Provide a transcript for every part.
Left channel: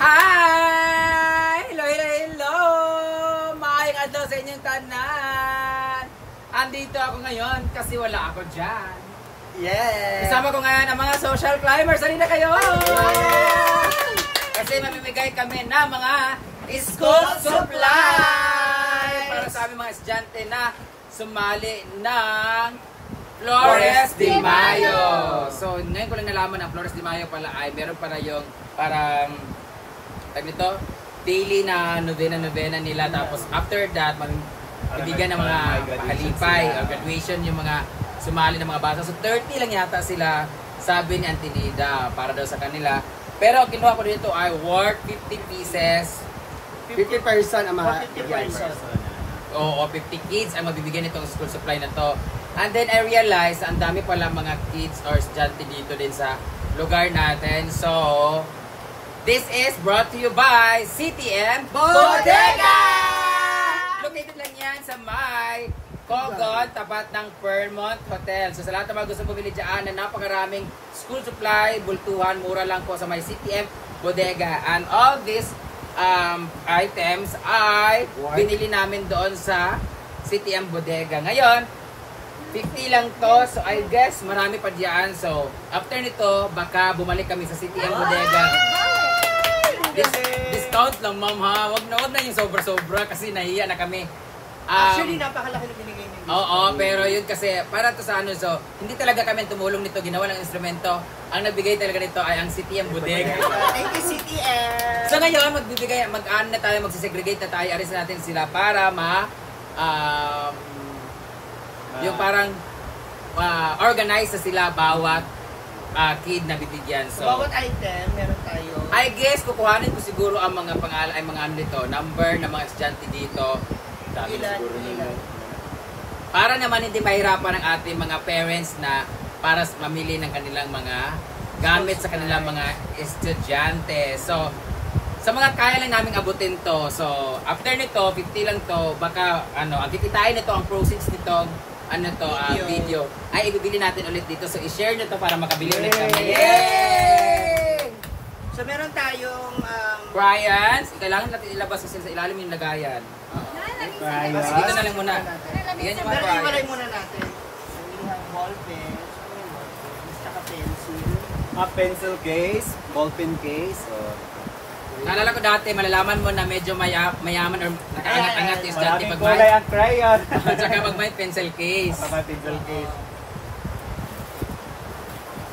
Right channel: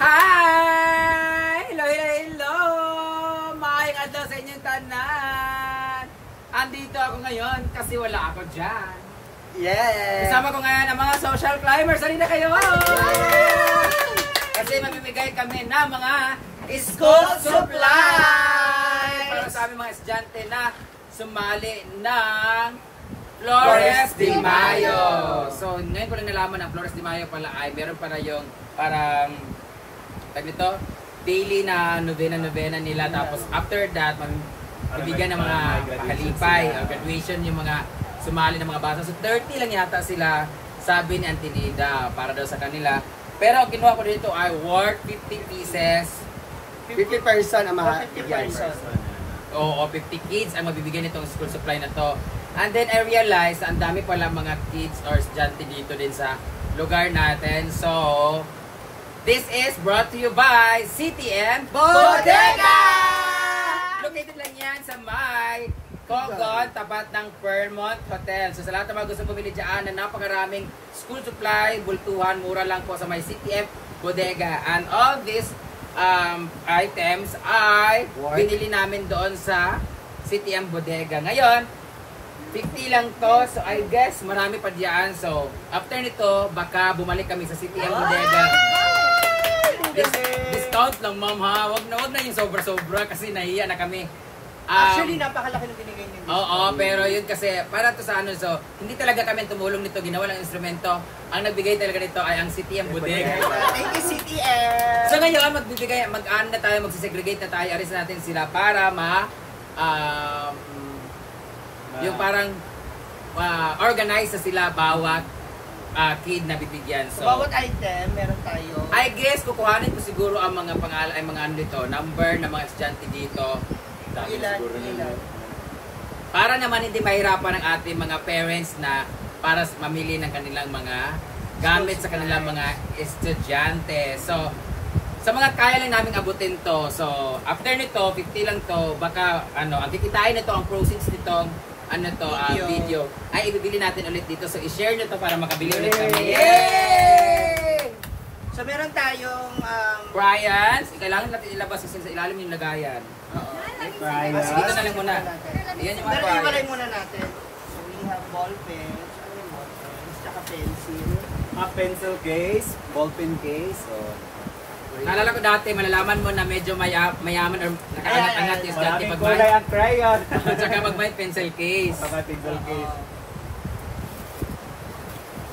Hi! Hello, hello, hello! Maayong adlaw sa inyong tanan! Andito ako ngayon kasi wala ako dyan. Yes! Kasama ko ngayon ang mga social climbers. Halina kayo! Kasi mamimigay kami ng mga school supply! Para sa aming mga estudyante na sumali ng Flores de Mayo. So, ngayon ko lang nalaman ang Flores de Mayo pala ay meron para yung parang nito, daily na novena nila. Tapos after that, bibigyan ng mga pahalipay o graduation yung mga sumali ng mga bata. So 30 lang yata sila, sabi ni Auntie Nida, para daw sa kanila. Pero ang kinuha ko dito ay worth 50 pieces. 50 person ang mga 50 person. Oo, 50 kids ang mabibigyan nitong school supply na to. And then I realized, ang dami pala mga kids or estudyante dito din sa lugar natin. So, this is brought to you by CTM Bodega! Located lang yan sa may Cogon, tapat ng Fairmont Hotel. So sa lahat ng mga gusto bumili dyan na napakaraming school supply, bultuhan, mura lang po sa may CTM Bodega. And all these items ay binili namin doon sa CTM Bodega. Ngayon, 50 lang to. So I guess marami pa diyan. So after nito, baka bumalik kami sa CTM Bodega. Discount lang, ma'am, ha? Wag na yung sobra-sobra kasi nahiya na kami. Actually, napakalaki ng binigay niyo. Oo, pero yun kasi, para to sa ano, so, hindi talaga kami tumulong nito, ginawa ng instrumento. Ang nagbigay talaga nito ay ang CTM Bodega. Thank you, CTM! So ngayon, mag-ano na tayo, magsisegregate na tayo, aris natin sila para yung parang organize na sila bawat kid na bibigyan. So, bawat item, meron tayo. I guess, kukuhanin ko siguro ang mga pangalan, ay mga ano dito, number ng mga estudyante dito. Ilan. Para naman hindi mahirapan ng ating mga parents na para mamili ng kanilang mga gamit sa kanilang mga estudyante. So, sa mga kaya lang namin abutin to. So, after nito, 50 lang to, baka ano, ang kikitain nito, ang proceeds nitong video ay ibibili natin ulit dito. So, i-share nyo to para makabili ulit kami. Yay! So, meron tayong Bryans, kailangan natin ilabas kasi sa ilalim yung lagayan. Kasi dito na lang muna. Yan yung mga pero Bryans. iwalay muna natin. So, we have ball pens, ano yung ball pens, tsaka pencil. pencil case, ball pen case, or Naalala ko dati, malalaman mo na medyo mayaman or nakaangat-angat yung dati maraming pag kulay ang crayon. tsaka pag may pencil case. Mga pencil case.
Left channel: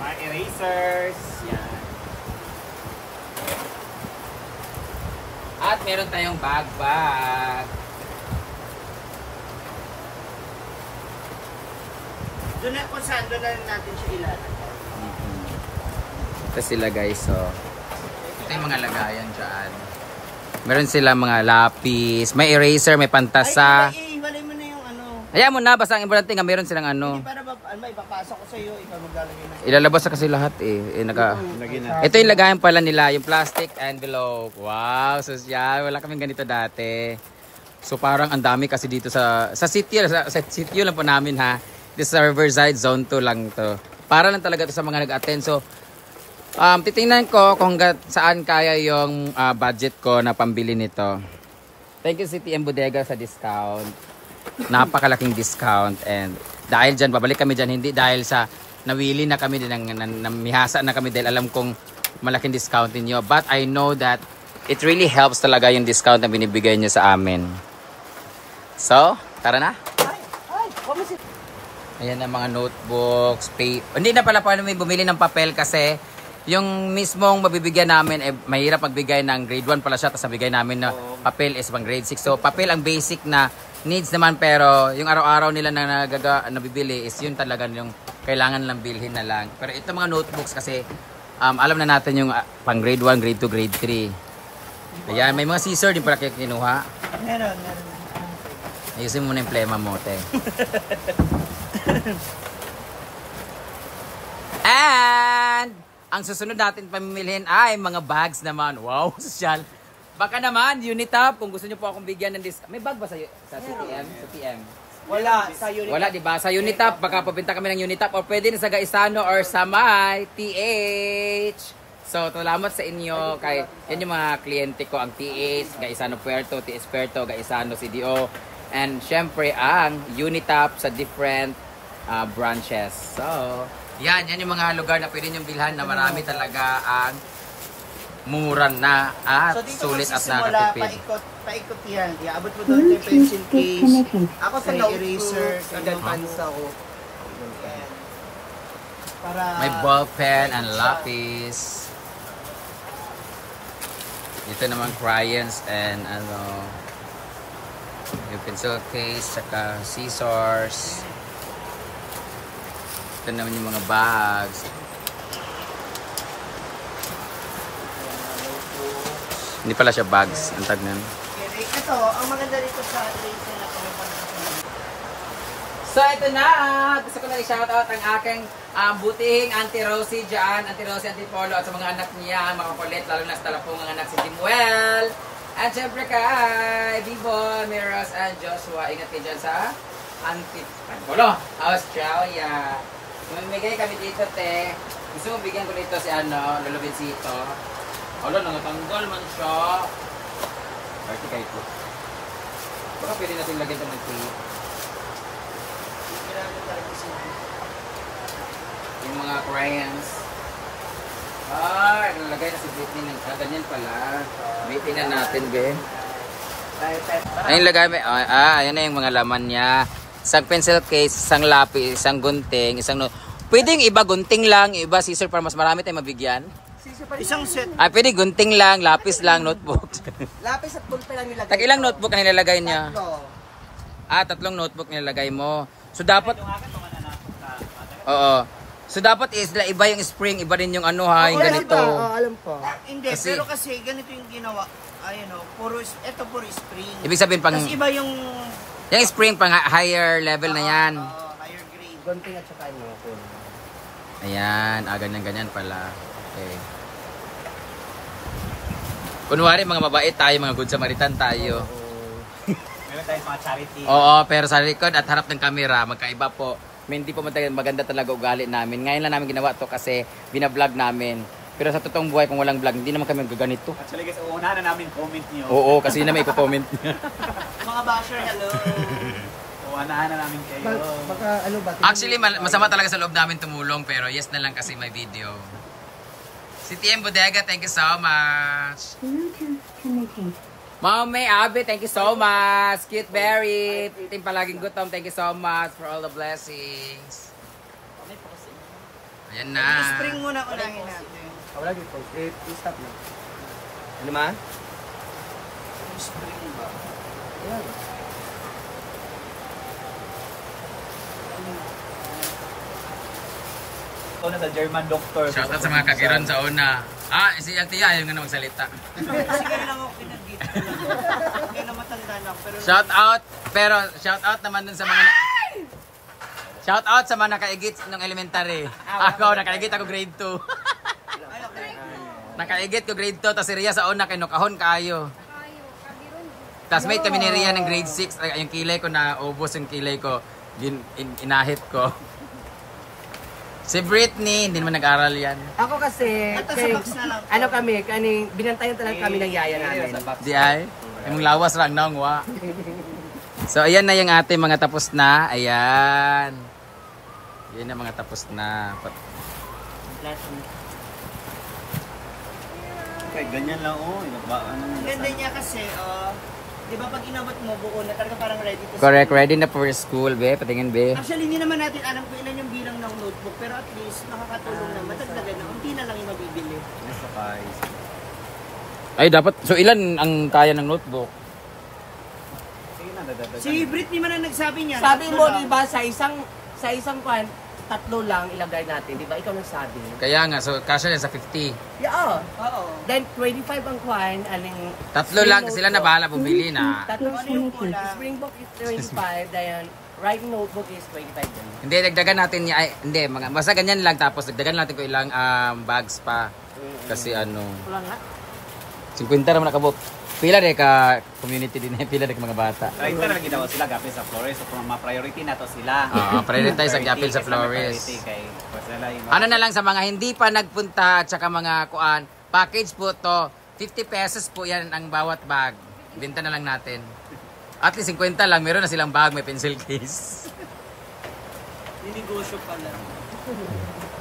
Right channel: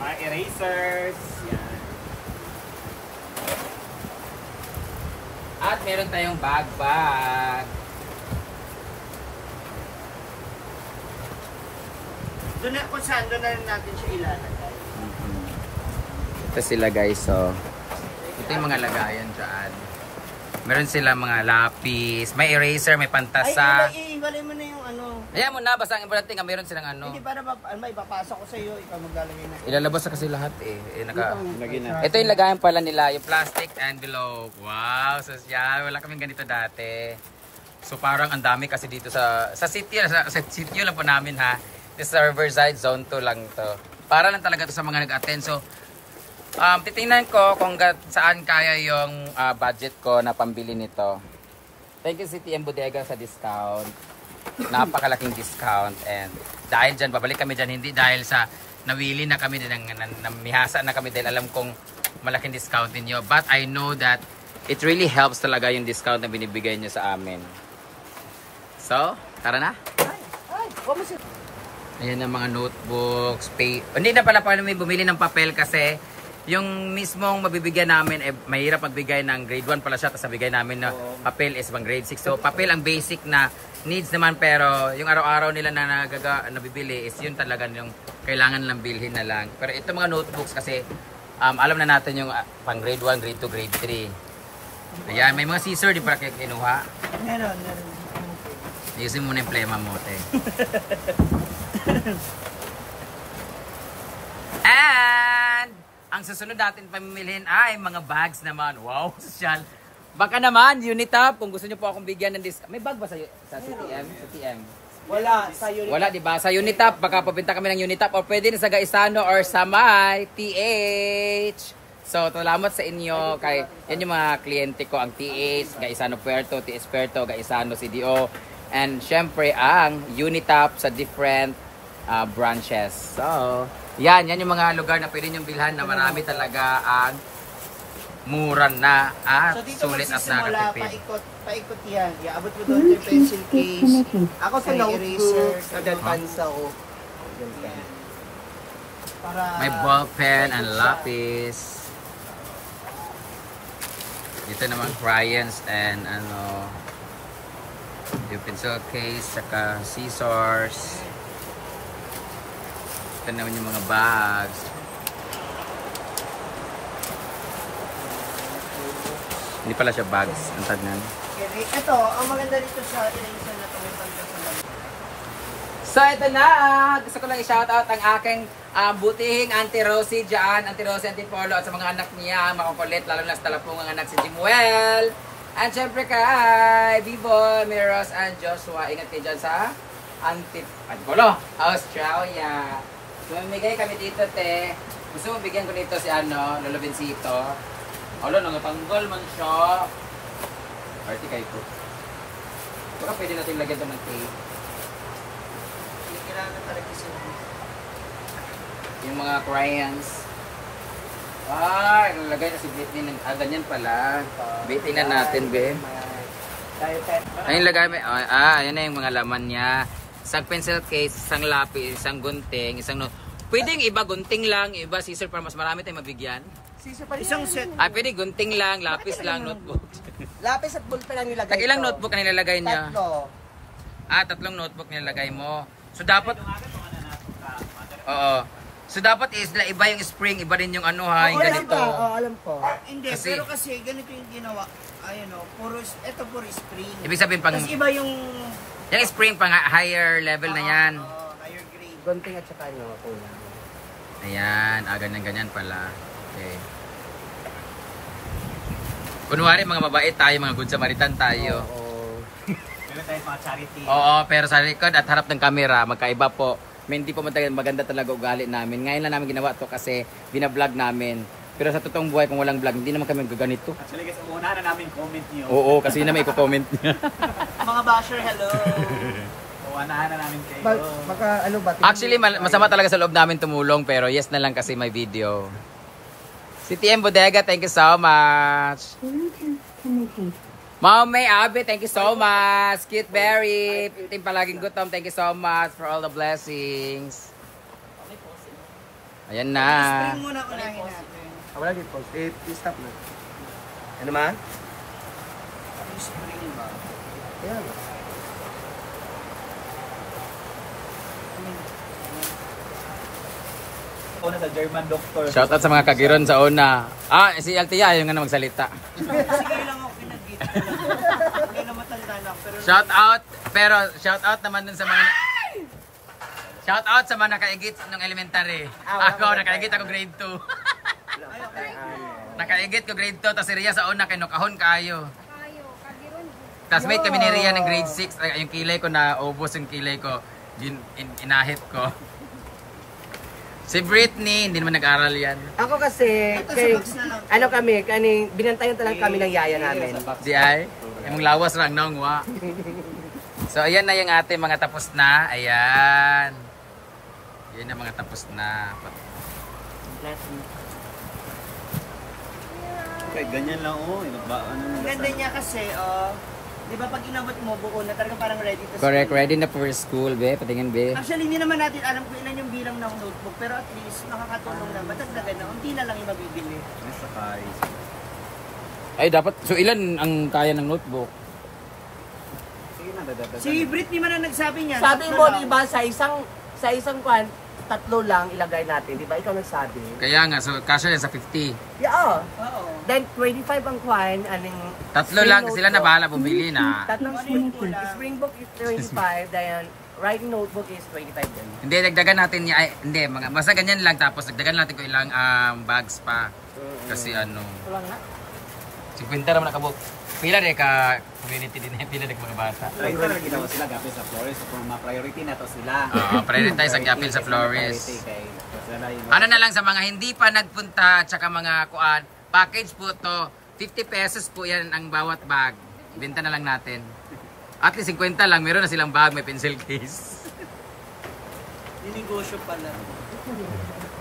Mga erasers. Yan. At meron tayong bag. Doon na, kung saan, doon na natin siya ilalagay. Ito sila guys, so ito yung mga lagayan dyan. Meron sila mga lapis, may eraser, may pantasa. Ay, iwalay mo na yung ano. Ayan mo na, basta ang importante nga meron silang ano. Hindi para ipapasok ko sa iyo, ikaw maglalagay na. Ilalabas na kasi lahat eh. Ito yung lagayan pala nila, yung plastic envelope. Wow, social. Wala kaming ganito dati. So parang ang dami kasi dito sa city, sa city lang po namin ha. This is Riverside Zone 2 lang to. Para lang talaga to sa mga nag-attend. So titingnan ko kung saan kaya yung budget ko na pambili nito. Thank you CTM Bodega sa discount. Napakalaking discount, and dahil dyan, babalik kami dyan, hindi dahil sa nawili na kami din, namihasa na kami dahil alam kong malaking discount ninyo. But I know that it really helps talaga yung discount na binibigay nyo sa amin. So, tara na. Ayan ang mga notebooks, hindi na pala may bumili ng papel kasi yung mismong mabibigyan namin, mahirap magbigay ng grade 1 pala siya, tapos nabigay namin na papel is pang grade 6. So, papel ang basic na needs naman, pero yung araw-araw nila na nabibili is yun talaga yung kailangan lang bilhin na lang. Pero ito mga notebooks kasi, alam na natin yung pang grade 1, grade 2, grade 3. Ayan, may mga scissor, di pala kayo kinuha. Meron. Ayusin mo na yung plema mo, te. And ang susunod natin pamimilhin ay mga bags naman. Wow, social. Baka naman, Unitap, kung gusto nyo po akong bigyan ng discount. May bag ba sa CTM? Sa TM? Wala, sa Unitap. Wala, di ba? Sa Unitap, baka pabenta kami ng Unitap, or pwede na sa Gaisano or sa may TH. So, salamat sa inyo. Kay, yan yung mga kliyente ko, ang TS, Gaisano Puerto, TS Puerto, Gaisano CDO. And syempre, ang Unitap sa different branches. So, yan yung mga lugar na pwede niyong bilhan na marami talaga ang mura na at sulit at nakatipid. Paikot yan. Iabot mo doon yung pencil case. Ako sa eraser. Sa pansa ko. May ball pen and lapis. Dito naman crayons and ano, yung pencil case, saka scissors. Ito naman yung mga bags. Hindi pala siya bags, ang tag nan. Ito, ang maganda dito sa eraser na ito, may pagkasalag. So ito na, gusto ko lang i-shoutout ang aking butihing Auntie Rosie dyan, Auntie Rosie, Auntie Polo, at sa mga anak niya, makukulit, lalo na sa talapungang anak si Jimuel. And syempre kay Bibo, Miros, and Joshua. Ingat kayo dyan sa Auntie Polo, Australia. Mamigay kami dito, te. Gusto mo bigyan ko dito si Lolo Vincito. Olo, nangatanggal man siya. Party kayo po. Baka pwede natin lagyan ito mag-tape. Yung mga crayons. Nalagay na si Britney ng ganyan pala. Britney na natin, be. Ayun lagay mo. Ayan na yung mga laman niya. Isang pencil case, isang lapis, isang gunting, isang pwedeng iba gunting lang, iba scissor para mas marami tayong mabigyan. Isang set. Pwede gunting lang, lapis lang, notebook. Lapis at ballpen lang nilagay. Ilang notebook na nilalagay niya? 3. 3 notebook nilalagay mo. So dapat Oo. So dapat iba yung spring, iba rin yung yung ganito. Alam ko. Hindi, Kasi, pero kasi ganito yung ginawa. Ayun puro spring. Ibig sabihin pang Tapos iba yung spring pang higher level na yan. Higher grade. Gunting at saka kuna. Ayan, ganyan pala. Okay. Kunwari mga mabait tayo, mga good Samaritan tayo. Meron tayong mga charity. Oo, pero sa likod at harap ng camera, magkaiba po. Hindi po maganda talaga ugali namin. Ngayon lang namin ginawa to kasi binablog namin. Pero sa totoong buhay, kung walang vlog, hindi naman kami gaganito. Actually, guys, uunahan na namin comment niyo. Oo, kasi yun na may ipo-comment niyo. Mga basher, hello. Uunahan na namin kayo. Baka ba? Actually, masama talaga sa loob namin tumulong, pero yes na lang kasi may video. Si TM Bodega, thank you so much. Mom May Abby, thank you so much. Cute Berry, Team Palaging Gutom, thank you so much for all the blessings. Ayan na. Spring muna unahin natin. Wala dito. I-stop na. Ano man? Spring ba? Ayan. Una sa German doctor. Shoutout sa mga kagiron sa una. Si Altia, ayaw nga na magsalita. Kasi kayo lang ako pinag-git. Kaya na matanda na ako. Pero shoutout naman dun sa mga... Shoutout sa mga nakaigit ng elementary. Ako, nakaigit ako grade 2. Nakaigit ko grade 2, tapos si Ria sa una, kinukahon kayo. Tapos mate kami ni Ria ng grade 6, yung kilay ko na ubos yung kilay ko. Inahit ko. Si Britney, hindi naman nag-aral yan. Ako kasi, binantayan talaga kami ng yaya namin. Di ay? Yung lawas lang nang wa. So ayan na yung ating mga tapos na. Ayan. Yun na mga tapos na. Okay, ganyan lang Ang ganda niya kasi, di ba pag inabot mo buo na talaga parang ready to Correct, school. ready na for school, be. Patingin, be. Actually, hindi naman natin alam kung ilan yung bilang ng notebook, pero at least nakakatulong na matagdagan na unti na lang yung mabibili. Ay, dapat. So, ilan ang kaya ng notebook? Sige na, dadagdagan. Si Britney man ang nagsabi niya. Sabi tatlo mo, lang. diba, sa isang kwan, 3 lang ilagay natin, diba? Ikaw nagsabi. Kaya nga, so kasya yan sa 50. Yeah, Oo. Then, 25 ang kwan, Tatlo lang, sila na bahala bumili na. Tatlong Ano yung kulang? spring book is 25, then writing notebook is 25 din. Hindi, dagdagan natin niya. Ay, hindi, basta ganyan lang. Tapos, dagdagan natin ko ilang bags pa. Kasi 50 naman nakabuk. Pila na ka community din, pila na mga bata. Try na lagi daw sila gapil sa Flores. So kung ma-priority na to sila. Prioritize ang gapil sa Flores. Ano na lang sa mga hindi pa nagpunta at saka mga kuan, package po to, 50 pesos po yan ang bawat bag. Benta na lang natin. At least 50 lang, meron na silang bag, may pencil case. Ninegosyo pala.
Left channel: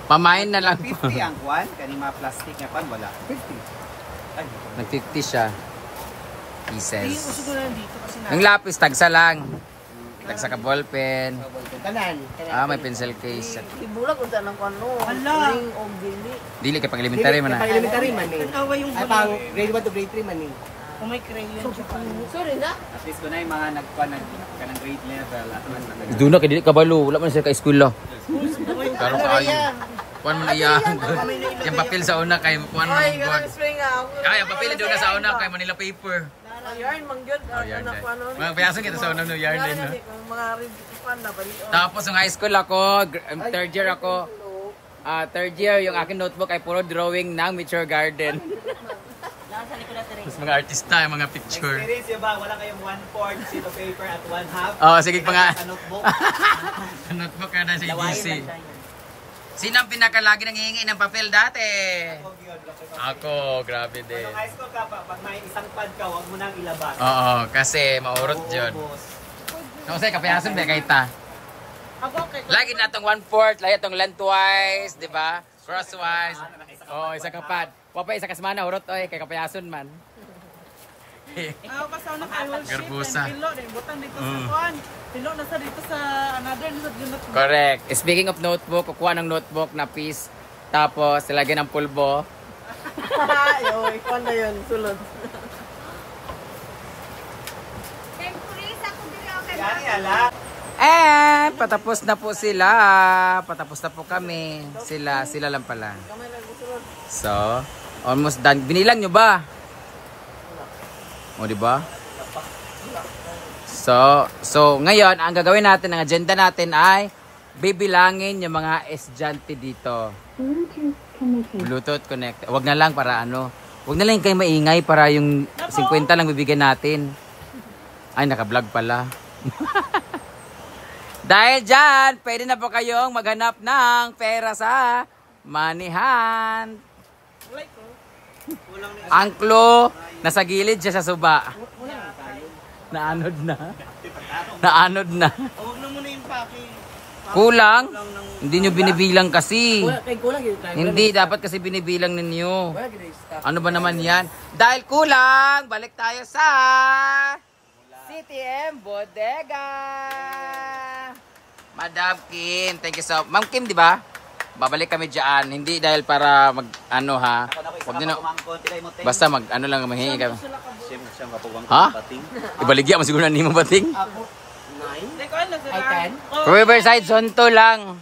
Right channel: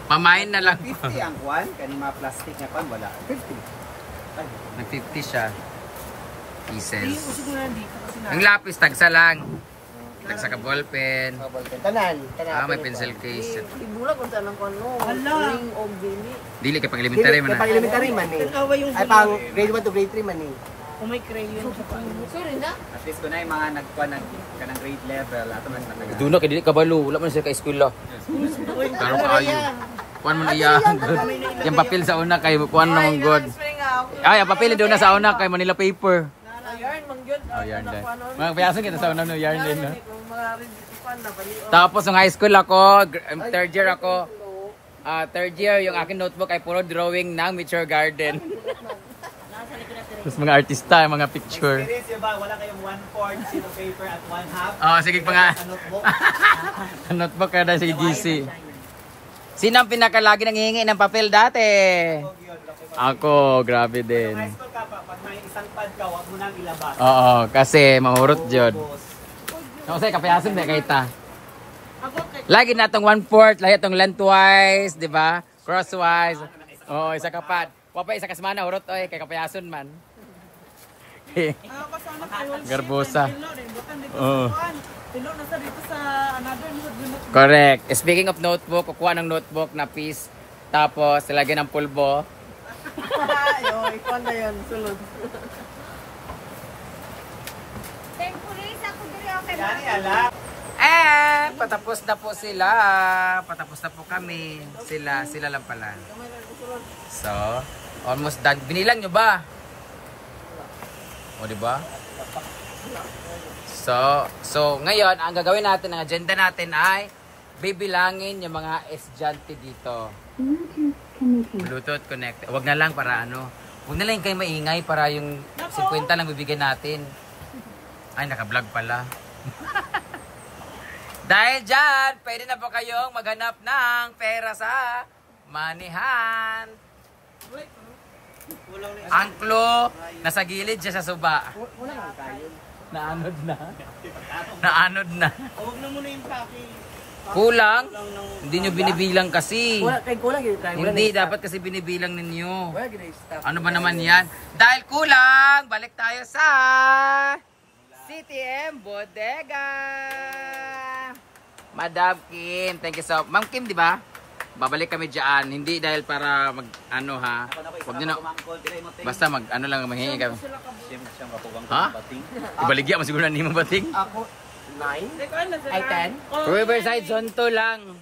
Pamain na lang. 50 ang kuan, kani mga plastic nga pan wala. 50. Ay, Nag-50 siya. Hindi, Pieces. uso ko na dito kasi na. Ang lapis, tagsa lang. Tagsa ka ballpen. Tanan. May pencil case. Ibura kung saan ang ano. Hala. Dili kay pang elementary man. Pang elementary man eh. Tanawa yung Ay, pang grade 1 to grade 3 man eh. kung may crayon siya pa. Sorry na. at least ko na yung mga nagkuan kanang grade level at man Doon na kay dili kabalo, wala man siya ka school lo. Uy, Karon kaayo. Kuan mo na iya. Yung papel sa una kay kuan mo ng god. Ay, ang papel doon na sa una kay Manila paper. Yarn, mangyod. Oh, yarn din. Mga payasan kita sa una no yarn din no. Mga review na bali. Tapos ang high school ako, third year ako. Third year, yung aking notebook ay puro drawing ng Mature Garden. Mas mga artista, mga picture. experience yung ba wala kayong 1/4 sheet of paper at 1/2 Oh, sige pa nga. notebook. Notebook ka na si GC. Sino ang pinakalagi nang hihingi ng papel dati? Ako, grabe din. High school ka pa pag may isang pad ka wag mo nang ilabas. Oo, kasi mahurot yun. Kasi kapayasan ba kay ta? Lagi na itong 1/4, lagi itong lengthwise, di ba? Crosswise. Oo, isa kapad. Wapa isa kasmana, hurot oy, kay kapayason man. Garbosa. Oo. Pilo na sa dito sa another sa dunot. Correct. Speaking of notebook, kukuha ng notebook na piece, tapos lagyan ng pulbo. Ay, ikaw na yun, sulod. Patapos na po sila. Patapos na po kami. Sila lang pala. So, almost done. Binilang nyo ba? O, diba? So ngayon, ang gagawin natin, ang agenda natin ay bibilangin yung mga estudyante dito. Bluetooth connect. Wag na lang para ano. Wag na lang kayo maingay para yung 50 lang bibigyan natin. Ay, naka-vlog pala. Dahil dyan, pwede na po kayong maghanap ng pera sa Manihan. Ang clue, nasa gilid siya sa suba. Naanod na. Naanod na. Huwag na muna yung paki. Kulang? Hindi nyo binibilang kasi. Kulang yun. Hindi, dapat kasi binibilang ninyo. Wala yun stop. Ano ba naman yan? Dahil kulang, balik tayo sa CTM Bodega. Madam Kim, thank you so much. Ma'am Kim, di ba? Babalik kami dyan. Hindi dahil para mag, ano ha. Huwag nyo na, basta mag, ano lang, mahingi kami. Ha? Ibaligya mo siguro na hindi mo bating? Ako, 9? Ay, 10? Riverside Zonto lang.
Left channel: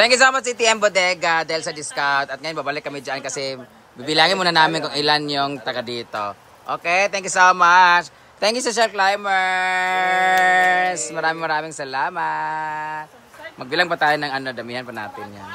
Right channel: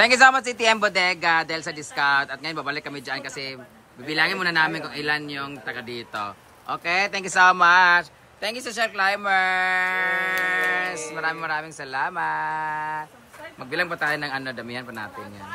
Thank you so much CTM Bodega dahil sa discount. At ngayon babalik kami dyan kasi bibilangin muna namin kung ilan yung taga dito. Okay, thank you so much. Thank you sa Chef Climbers. Maraming salamat. Magbilang pa tayo ng ano, damihan pa natin yan.